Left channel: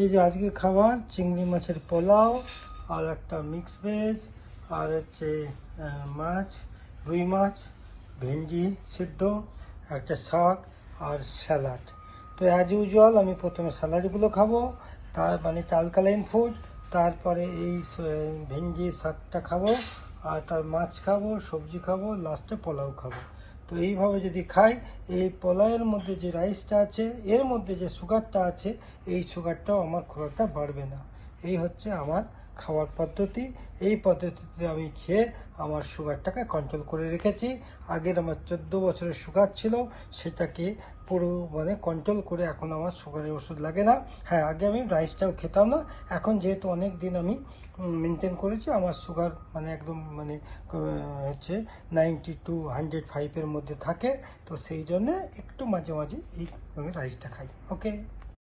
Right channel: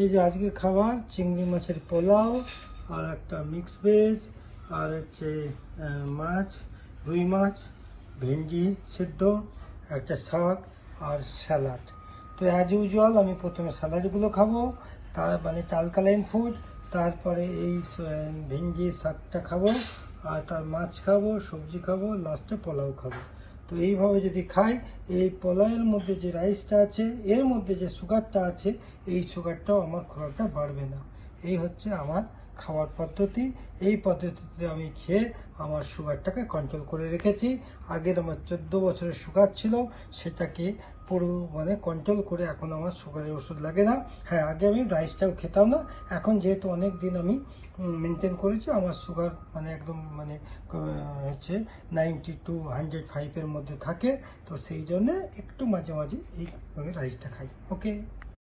এই যে আজকের খাবার চিংড়ি মাছের পোলাও আর একটা মিক্স ভেজ আর হচ্ছে মাছ, রুই মাছ, ভেন্ডি সিদ্ধ, একটা শাক আর স্যালাড। তো অ্যাজ ইউজুয়াল আমি প্রথমে স্যালাডগুলো খাবো, তার মানে অ্যালকালাইন ফুড, তারপরে এই ভেন্ডি শাকটা খাবো, আর তার মাছ খাবো, সবজি খাবো, লাস্টে পোলাও খাবো। তো এইভাবে যদি খাই, এই পোলাওয়ের মধ্যে যে রাইসটা আছে, এর মধ্যে যে সুগারটা আছে, এই সুগারটাও আমার খুব একটা বাড়বে না। এই হচ্ছে আমার খাবার পদ্ধতি। এই পদ্ধতিতে আমি খেয়ে আমার সুগারটাকে কন্ট্রোল করে রেখেছি। আগের আমার 14 বছরের সুগার ছিল, সেটাকে পুরো মানে কন্ট্রোল করে এখন আমার সুগারের ওষুধ লাগে না। হ্যাঁ, আগে আমি রাইসটাও খেতাম না, এখন যেহেতু অনেক দিন আমি মেনটেন করেছি, আমার সুগার মানে একদম মানে হচ্ছে 90 to 105-এর মধ্যে থাকে। তো সেই জন্যে একটু মাঝে মাঝে এই রাইসটা খাই। ওকে।